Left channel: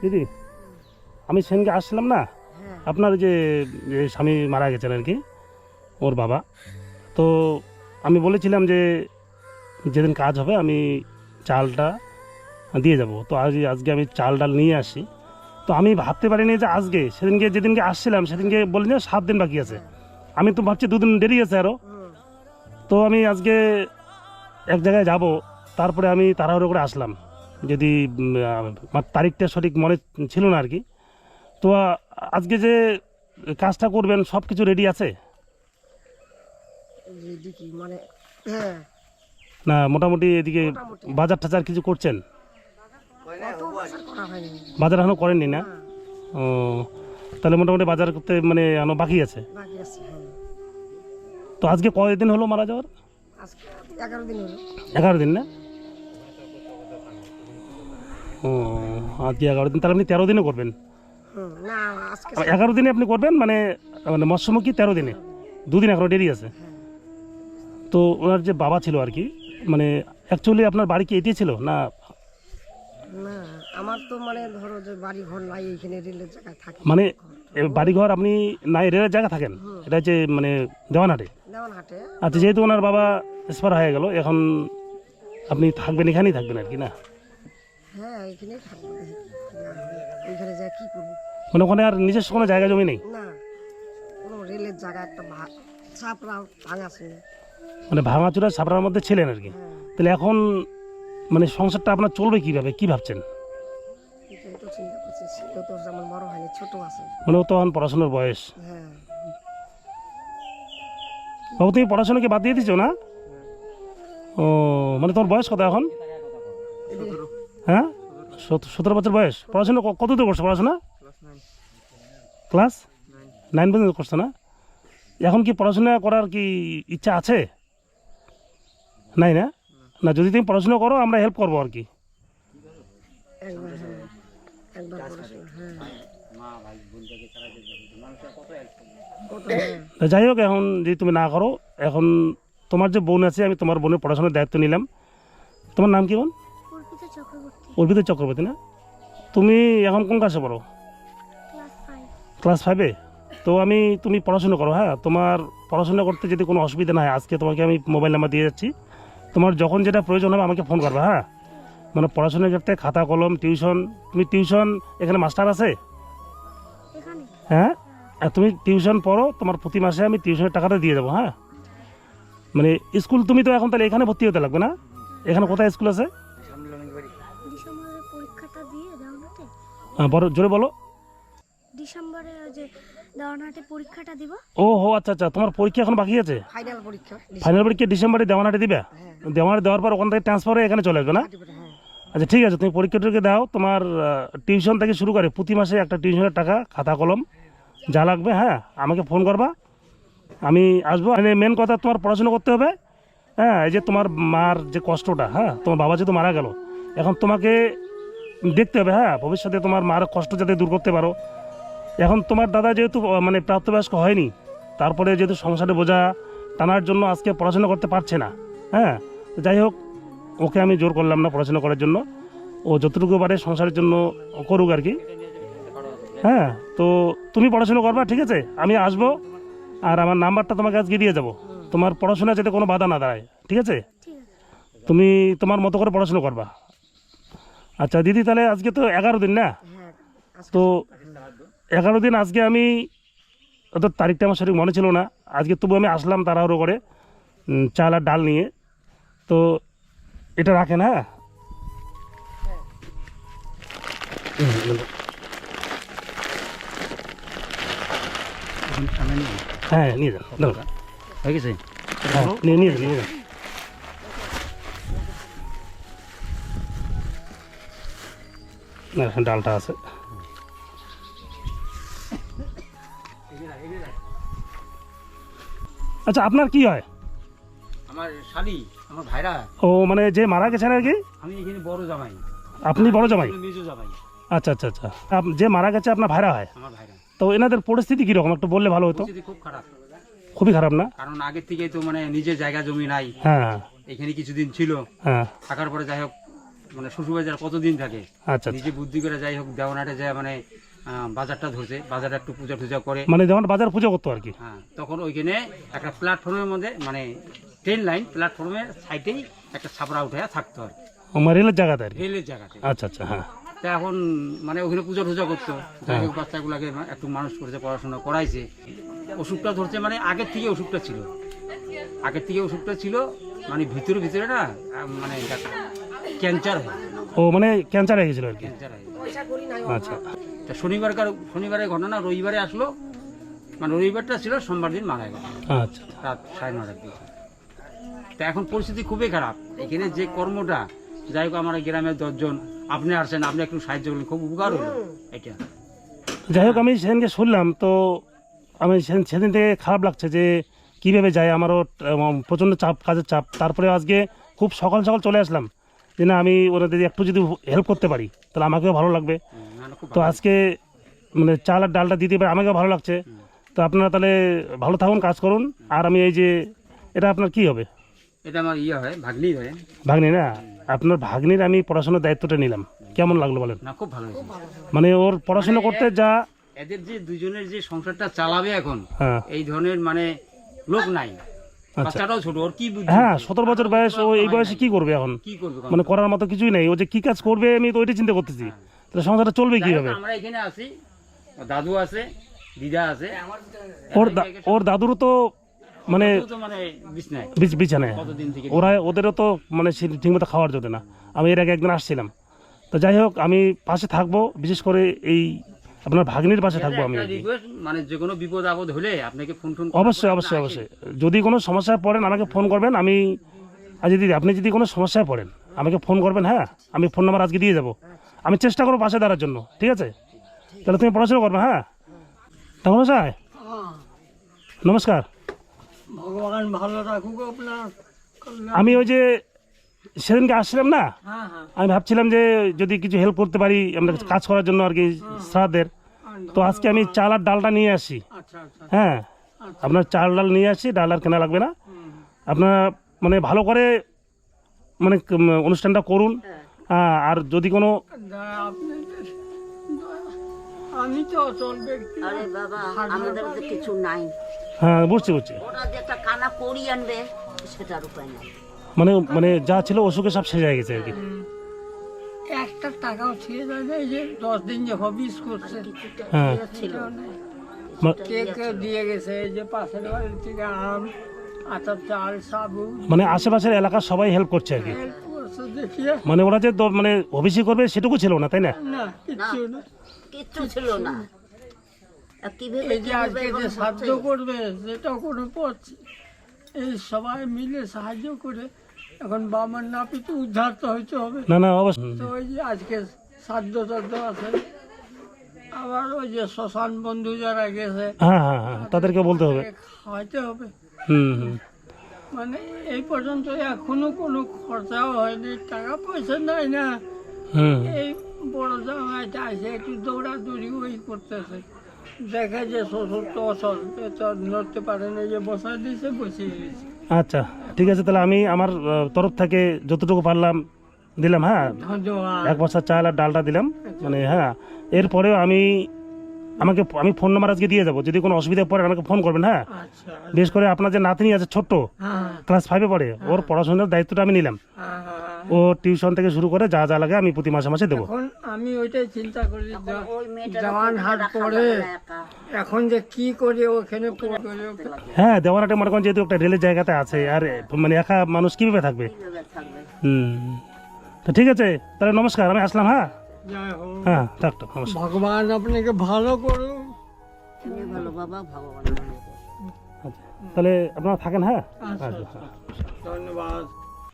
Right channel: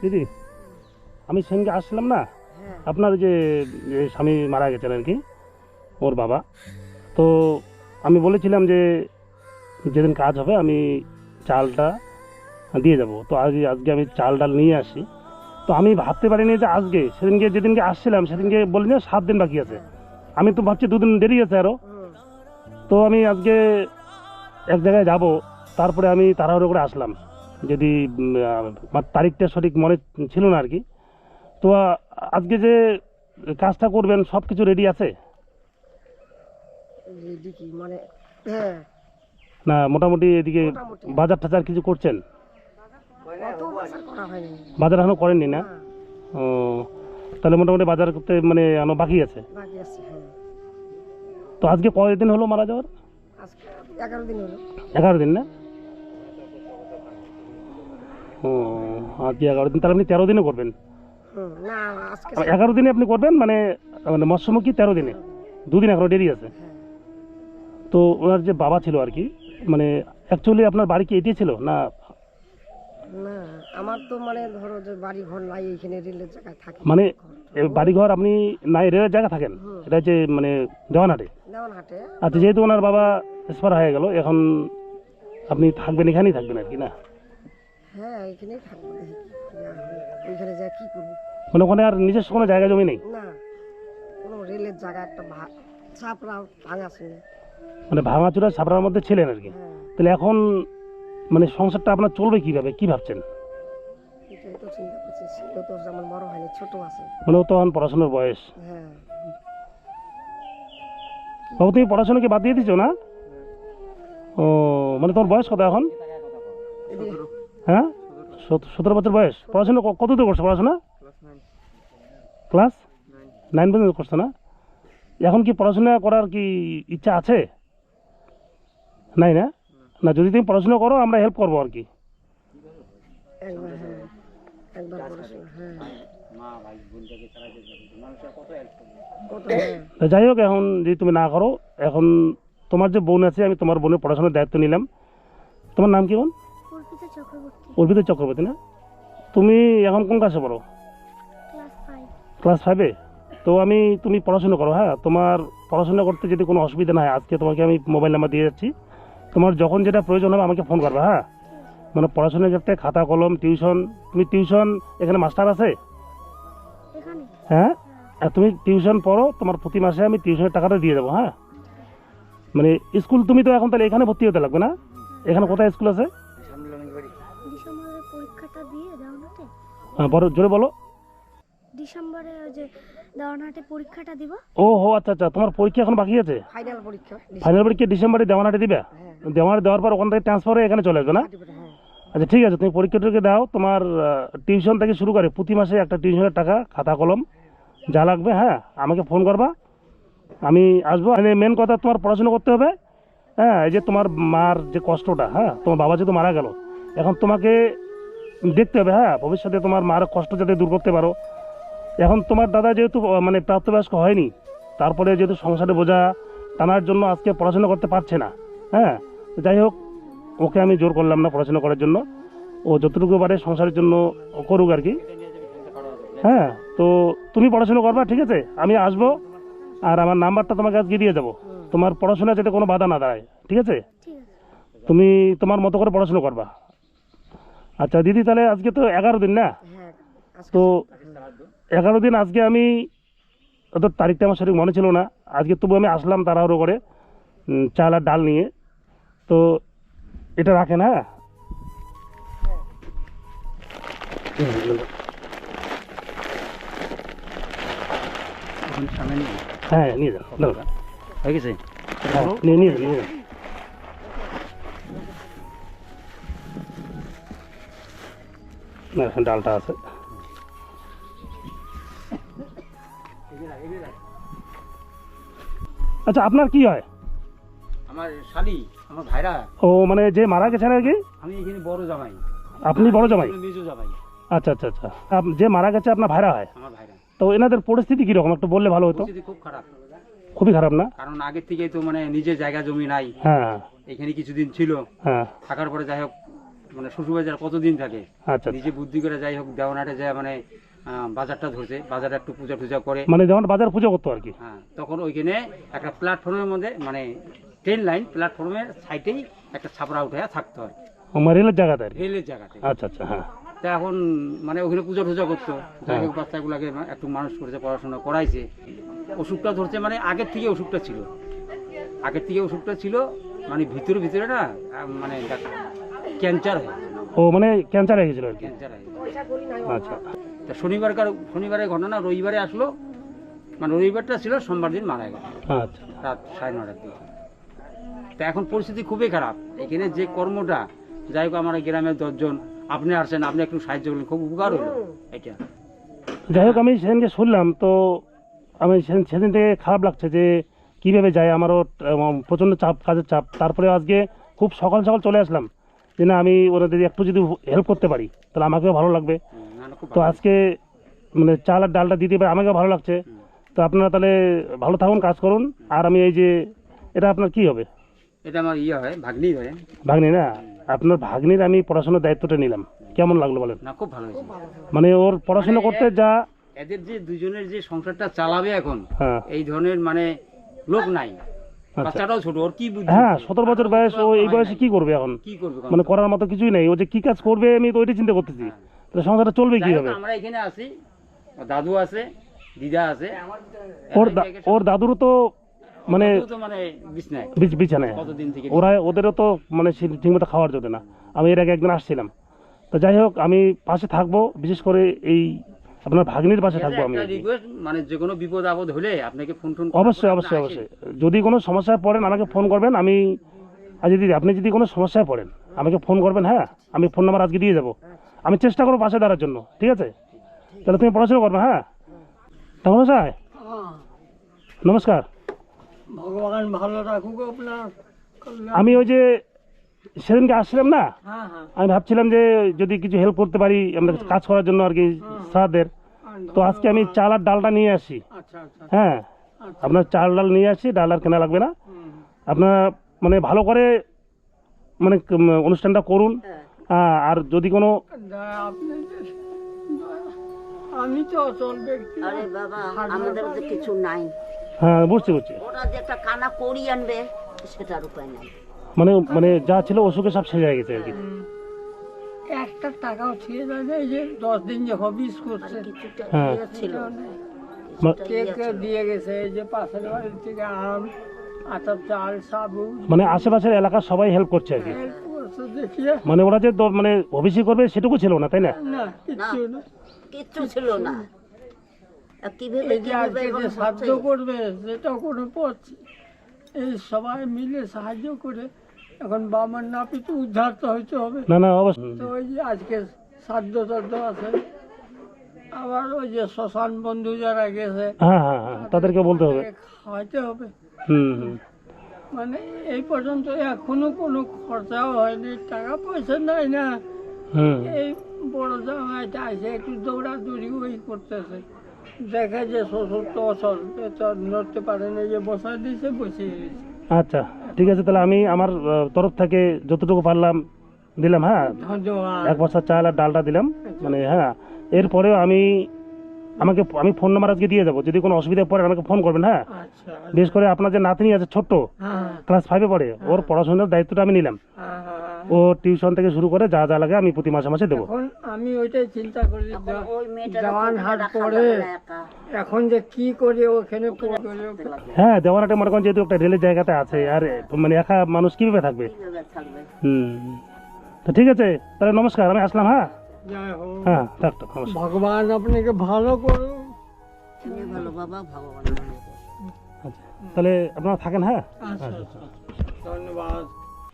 দিদি আমি সেদিনকে আসলাম না? হ্যাঁ। আপনার যে স্বামী মারা গেছেন আর কি ওর বাবা। তো আমি বলেছিলাম যে যেদিন কাজ হবে আমি চালটা দিয়ে যাব। তো আজ আজকে আমি চাল ডাল নিয়ে আসি। তো আমি ভাবতে পারিনি যে আজকে সেদিনকে যেদিনকে আসছিলাম সেদিনকে যে সাত দিন বাকি আছে। আমি তো ভাবছি দুদিন দেরি আছে আরও তো আমি আজকে এক জায়গায় যাব তারপরে আমি তাড়াহুড়ো করে আসলাম। যদি আহ, তারিখটা সঠিক মনে ছিল না আর কি। তো আজকে যে কাজটা করবেন সব কিছু রেডি আছে মানে হ্যাঁ। না মোটামুটি এদিকে বাজার টাজার কিছু করছেন? বাজার এখনও করেননি না? না, ও তাহলে মোটামুটি বাজার করতে মানে এখনও বাকি আছে? হ্যাঁ। তো আজকে কয়দিন হলো মারা যাওয়ার? এগারো দিন না? ও আজকে এগারো দিন? তাহলে আপনি তেরো দিনে করবেন? না আজকে এগারো দিনে আপনি করবেন? মানে মানে মৎস্যমুখী তেরো দিনে? দুদিন এখনও দেরি আছে। তো ওনার যে বাবা ছিল আর কি মানে অ্যাকচুয়ালি আপনার বাড়ি কি এটি ছিল না? না আমার তো মানে ধরো যে বাড়ি ঘর নাই এইখানে রেলের জায়গায় থাকি। মানে বাড়িঘর আপনি নাই রেলের জায়গা থাকেন? এটা হচ্ছে মানে দেওয়ানহাটে? দেওয়ান হাটে আচ্ছা যেহেতু ওনার বাবা এক্সপায়ার হয়ে গেল এখন আপনি থাকবেন এখানেই থাকবেন আর কি না? হ্যাঁ এইখানেই থাকব। কি ওইখানে যা কি করব? মানে ওখানে আর নিজস্ব কোনো জায়গা জমি নেই? না কোনো রেলের জায়গা একটা ভা- ভাঙা ছিল মানে ভাঙাচুরা ছাপড়ার মধ্যে ছিলেন আর কি? হ্যাঁ। তাহলে এখন মানে সংসারটা আপনার চলবে কীভাবে? কি ভাবছেন? মানে ও তো পড়াশোনার বয়স। হ্যাঁ। বাবু তুমি পড়াশোনাকে বাদ দিয়ে দিছো না? ও মানে তোমার বয়স কত এখন? হ্যাঁ? সতেরো বছর বয়স। পড়াশোনা কত দূর করছ পড়াশোনা? Class nine? পর্যন্ত করছ না? এখন কি পড়াশোনা করার কি ইচ্ছা আছে? নাই না? না যদি তুমি পড়াশোনা করো আমরা হেল্প করব আর কি। হ্যাঁ। যাই হোক এখন যদি তুমি না করো এখন তোমার যে বোন আছে আমি তোমার বোনের পড়াশোনার দায়িত্ব নিলাম। তোমার নাম কি বোন? অর্পিতা চক্রবর্তী না? তুমি এখন কোন ক্লাসে পড়ো? ক্লাস ফাইভে তো আমি তুমি পড়াশোনা করো হ্যাঁ? তোমার পড়াশোনা করতে যদি কোনো অসুবিধা না হয় আজকে তোমাকে আমি মোবাইল নাম্বার দিয়ে যাচ্ছি। তোমার যখন যেটা প্রয়োজন হবে আমাকে ফোন করবে হ্যাঁ? মানে পড়াশোনার ক্ষেত্রে খাতা কলম টিউশন তুমি টিউশন এখানে মাস্টার আছে? হ্যাঁ? আর তুমি টিউশন পড়ো তোমার প্রতি মাসে আমি টিউশনের টাকাটা দিয়ে দেবো হ্যাঁ? মানে স্কুল তুমি তো এখন তাহলে এখানে ভর্তি হতে লাগবে না? এখানে কোথায় স্কুল আছে ডিসেম্বরে পরীক্ষাটা দিয়ে দেওয়ানহাটে হ্যাঁ, বড় জোরে বলো। ডিসেম্বরে যে দেওয়ানহাটে পরীক্ষাটা দিব। ও হো আচ্ছা আচ্ছা তোমার পরীক্ষা এখন বাকি আছে? ফাইনাল পরীক্ষা ফাইনাল পরীক্ষা ডিসেম্বরে দেওয়ানাটে দিবে? হ্যাঁ দেওয়ানাটে দেওয়ার পর ওখান থেকে ট্রান্সফার হয়ে এখানে চলে আসবে না? হ্যাঁ। আচ্ছা ঠিক আছে তুমি পরীক্ষাটাকে দাও। তোমার টিউশন থেকে শুরু করে প্রতি মাসে একটা টিউশনের টাকা খাতা কলম যা লাগবে হ্যাঁ আমাকে ফোন করবা। আমি আসব। মানে মেন কথা তোমার পড়াশোনা করতে হবে হ্যাঁ এই যে তোমার মার যে কষ্টটা হ্যাঁ তোমার বাবা যেহেতু মারা গেল এখন তোমাকে দেখতে হবে হ্যাঁ? ভবিষ্যতে তোমার মার কষ্ট যাতে দূর করতে পারো। এখন তোমার দাদা যেহেতু মানে প্রাপ্তবয়স্ক হয়নি তারপরে যেহেতু সংসারে বোঝা টানার জন্য আজকে পড়াশোনা করতে পারছে না হ্যাঁ? যাই হোক ওকে আমি জোর করলাম না পড়াশোনা করার জন্য। ও যতটুকু পারে সংসারের জন্য করুক আর কি। হ্যাঁ তো তুমি পড়াশোনা করবা ঠিক আছে? আমি আসব আর আমার নাম্বারটা তোমাকে আজকে দিয়ে যাব। তোমার পড়াশোনা যাতে কোনো বাধা না দাঁড়ায় ঠিক আছে? ঠিক আছে। তুমি তোমার মতো করে পড়াশোনা করবা। আচ্ছা দিদি তাহলে আজকে তো এগারো দিন না? হ্যাঁ তো এগারো দিন আজকে আমি অত তারিখটা আমার সঠিক মনে ছিল না। আজকে তবু আমি আসলাম তাড়াহুড়ো করে চাল আর ডাল নিয়ে। তো এটা রাখেন হ্যাঁ? হ্যাঁ নিয়ে যান দাও। হয়ে গেছে? হ্যাঁ, নিয়ে নিয়ে যান নিয়ে যান ডালটা আছে। আচ্ছা আপনার কি হয়? আমার শালি আমার ভাইরা। ও মানে যে মারা গেছেন আর কি? আমি এখানে বড় জামাই। আপনি বড় জামাই? মেজো জামাই। আচ্ছা আচ্ছা আচ্ছা। যে মারা গেছে আপনার ভাইরা হয়? আমার ভাইরা। তো এনাদের পরিস্থিতি কীরকম? একটু বললে ভালো হতো। খুব খারাপ। খুবই খারাপ না? কারণ আগের থেকেই তো মানে নিজের জায়গা জমি নাই। হ্যাঁ। এখানে কিছুদিন ছিল। হ্যাঁ। থাকার পরে যাই হোক মানে শ্বশুরবাজার কতদিন থাকে? আচ্ছা নিজে বুদ্ধি করে যাই হোক দেওয়ানাটে যায় মানে বাজারটা ধরছে বাজারে একটু পূজা টুজা করে। মানে যেমন বাজার পুজো করতো আর কি। হ্যাঁ তখন ওইখানে একটা প্ল্যাটফর্মের মধ্যে মানে ট্রেন লাইন প্ল্যাটফর্মের সাইডেই একটা ছাপড়া উঠে থাকতো আর মানে রেলের জায়গাতে রেলের জায়গাতে। আচ্ছা আচ্ছা হ্যাঁ। তা এখন মানে ওখানে পূজা টুজা করতো। যাই হোক বাচ্চাগুলোকে একটু মানুষ করেছে পড়াশোনা করাইছে। অসুখটা ধরছে মানে আগের থেকে অসুখটা ছিল। আগের থেকে অসুখটা ছিল মানে ভিতরে ভিতরে না মানে ক্যান্সার হয়। ও মানে ক্যান্সার হয়ে গেছিল আর কি? ক্যান্সার হয়। আচ্ছা। তা শনিবারকার শনিবারের ঘটনা রবিবারে আসলো। মানে রবিবারটা ছিল সোমবার দিন মারা গেল আচ্ছা। রাত সাড়ে নটার দিকে। তা এখন পরিস্থিতি খুবই খারাপ। এখানে যে কর্মটা যাই হোক আমার গ্রামের দশজন আপনি আসছেন আপনি একটু সাহায্য করলেন খুব উপকার হলো। এটা। যাই হোক আমি সেদিনকে শুনলাম তো আমি সেদিন থেকে খারাপ লাগছে যে কীভাবে যায় আমারও প্রচণ্ড চাপ কাজের চাপ। তারপরে আজকে খুব সকাল সকাল চলে আসলাম। যে না আমি ওরা যদি একটু যদি হেল্প করতে পারি তাহলে আমাকেও ভালো লাগবে। তো আজকে মানে চাল আর ডালটা দিতে পারে আমাকেও ভালো লাগছে। তো আপনারা তাহলে ভালো থাকুন কাজ করুন। আর আমি এই যে এটা আপনার কি হবে? এটা আমার ইয়ে হয় ভাগ্নি হয়। ভাগ্নি না? আপনার ভাগ্নির আমি পড়াশোনার দায়িত্বটা নিলাম। কেমন লাগল বলেন? না খুব ভালো হয়েছে। মানে ওর পড়াশোনা করতে যা এদের যে দুজনের যে সংসারটা চালাবে এখন হ্যাঁ। এই ধরনের মানে লোক নাই। বাচ্চাটাও ছোট ওর কি বুদ্ধি? হ্যাঁ সতেরো বছর বয়স ও এই বয়সে কি করবে এখন? কি করবে মানে করার মতো কিছুই নেই ও যে কি কাজ করবে আমি তো ওইটাই চিন্তা করতেছি। তাহলে সংসারটা চলবে যাই কীভাবে? আমরা এখানে আছি দাদু আছে দিদা আছে। ওর তো মানে মানে বিছনায়। বিছ- বিছানায়। ওরা ওদেরও তো মানে ঠিকমতো খাওয়ার জন্য না। আমি এর আগে একদিন আসছিলাম। তো যাই হোক আমি পাশে থাকব বিশেষ করে এই আপনার ভাগ্নির পাশে থাকব আমি রিকোয়েস্ট মানে যে কোনো বিপদ আপদ হলে আপনাকে ফোন টোন অবশ্যই অবশ্যই অবশ্যই। যদি কোনো সমস্যায় পড়েন আমাকে ফোন করবেন আমি আর যদি আপনি যদি কোনো সমস্যায় পড়েন আমাকে ফোন করবেন হ্যাঁ? আমি ফোন নাম্বার আজকে দিয়ে যাব আমি চেষ্টা করব পাশে দাঁড়ার জন্য ঠিক আছে? তাহলে তুমি পড়াশোনা করবে হ্যাঁ? তাহলে স্যার নমস্কার। ভগবান ভালো রাখুক আপনার আমি ওই যে সেদিনকে আসছিলাম না? হ্যাঁ হ্যাঁ। আমি ভাবছিলাম যে যদি কিছু হেল্প করতে পারি আমরা কাজ করার জন্য আর কি শ্রাদ্ধের তো আজকে আমি চাল আর ডালটা নিয়ে আসি। আচ্ছা আচ্ছা হ্যাঁ আপনার চাল ডাল নিয়ে আসি ডাল আর কেনা লাগবে না। আপনারা মানে ভালো করে মানে অনুষ্ঠানটা করুন। হ্যাঁ, আর যদি কোনো আমি তো আরে বাবা আমাদের তো কিছু নাই। হ্যাঁ বুঝছি বুঝছি ওরা যেটা কানা করি আনবে সেটার উপায় নাই। মানে মানে যা ছিল অসুখে সব শেষ হয়ে গেছে আর কি। একটা টাকাও ছিল না এই যে দশ দিন যে হবিস করছে। হ্যাঁ। ছিল মা- কে কে দিয়ে গেছে এই যে পাশের বাড়ির থেকে আম আটার চাল সাবুন মানে আশেপাশের এলাকার সবাই হেল্প করছে আর কি। হেল্প করছে দেখিয়ে মানে ওরা যে দ- মানে অভিষেক করবে সেটুকু ছিল না তাই না? না কিচ্ছু না। কিচ্ছু ছিল না। আর কীভাবে এই যে কীভাবে আজকে সাহায্য হচ্ছে? করবে সেটাও কোনো পথ এই সবাই মিলে সাহায্য করে এখন বাবার নাপিত উদ্ধার তো হইতে হবে। না না অবশ্যই। তো ওই যে আজকে সাধ্য টাধ্য আছে। আবার ওই যে শ্মশান বন্ধু যারা গেছে হ্যাঁ হ্যাঁ হ্যাঁ তাদেরকে বলতে হবে। খাওয়াইতে হবে। হুম হুম। মানে এই পর্যন্ত এখনও কোনো খরচাও হয়নি টাকা পয়সা নাই না। এই বড় জামাইটা আছে একটু দৌড়াদৌড়ি ওই করতেছে। দেখে যে শ্বশুর তো অসল নড়তে পারে না যে বসায় দিয়েছে বসিয়ে দিয়েছে। আচ্ছা। ঠিক আছে তাহলে আমি আমার তরফ থেকে যতটুকু পারলাম দিলাম হ্যাঁ? এক বছর চাল আর ডালটা দিলাম মানে হ্যাঁ। এরপরেও আমি আমাকে আমি ফোন নাম্বার আজকে দিয়ে যাব যদি কোনো অসুবিধা পড়ে আমাকে ফোন করবেন হ্যাঁ? আচ্ছা বিশেষ করে আপনার যে নাতনি আছে ছোট্ট হ্যাঁ ক্লাস ফাইভে পড়ে ওর পড়াশোনার দায়িত্বটা আমি নিলাম। হ্যাঁ, হ্যাঁ। ও টিউশন থেকে শুরু করে যা যা লাগে আমি প্রতি মাসে মাসে দেবো। এখন আমি ওইটাই চিন্তা করি জওয়ান হাট পড়ে এখন যে কি করে ওখানে হ্যাঁ দেওয়ানাটা মনে করেন যেহেতু একটা রেলের জায়গাতে আছে আর মানে একা মানুষ কীভাবে থাকবে? হুম। তো ঠিক আছে তাহলে নমস্কার আমি আসলাম হ্যাঁ? হ্যাঁ থাক থাক নমস্কার। ভগবান আপনাকে ভালো করুন ভালো বাবা? ভগবান আচ্ছা তাহলে আপনারা থাকেন হ্যাঁ? আচ্ছা আচ্ছা। ধন্যবাদ।